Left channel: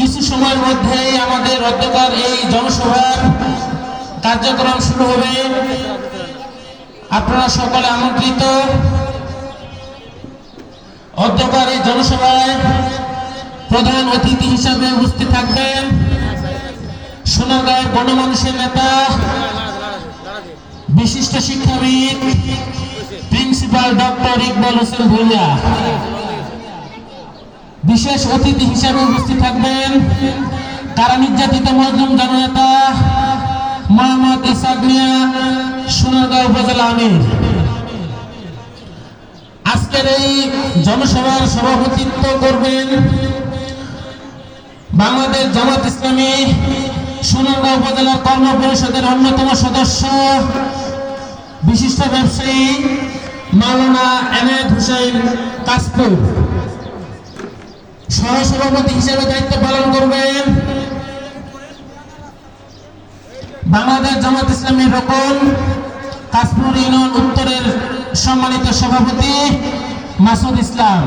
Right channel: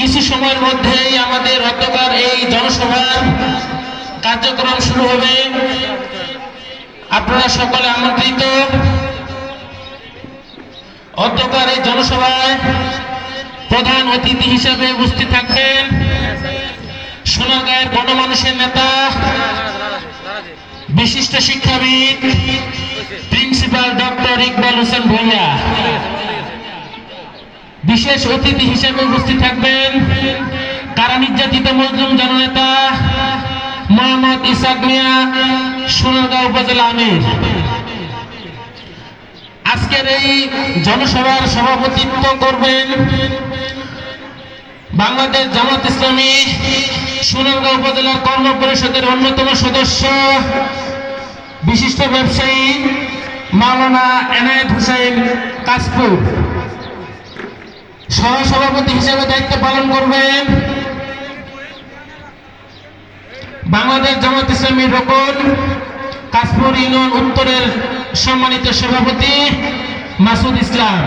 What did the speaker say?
কিছু সময়ের মধ্যেই আমাদের অধ্যকার এই জনসভার কার্যক্রম শুরু হবে। আপনারা সকলে আমন্ত্রিত। অধ্যকার এই জনসভায় প্রধান অতিথি হিসেবে উপস্থিত থাকবেন সোনারগাঁয়ের গণমানুষের নেতা, বিশিষ্ট শিক্ষাবিদ প্রিন্সিপাল ডক্টর ইকবাল হোসেন ভূঁইয়া। বিশেষ অতিথি হিসেবে উপস্থিত থাকবেন কারা নির্যাতিত মজলুম জননেতা মোহাম্মদ ইসাক মিয়া, সোনারগাঁও উপজেলা আমির। আজকের এই জনসভার সভাপতিত্ব করবেন বাংলাদেশ জামাত ইসলামী সোনারগাঁও উপজেলার কর্ম পরিষদের অন্যতম সদস্য বিশিষ্ট ব্যবসায়ী মাওলানা এনায়েত হোসেন কাশপুর। সহসভাপতি হিসেবে দায়িত্ব পালন করবেন বাংলাদেশ জামাত ইসলামী রোকন কাশপুর ইউনিয়ন উত্তরের সম্মানিত সভাপতি মাসুদ ইসলাম।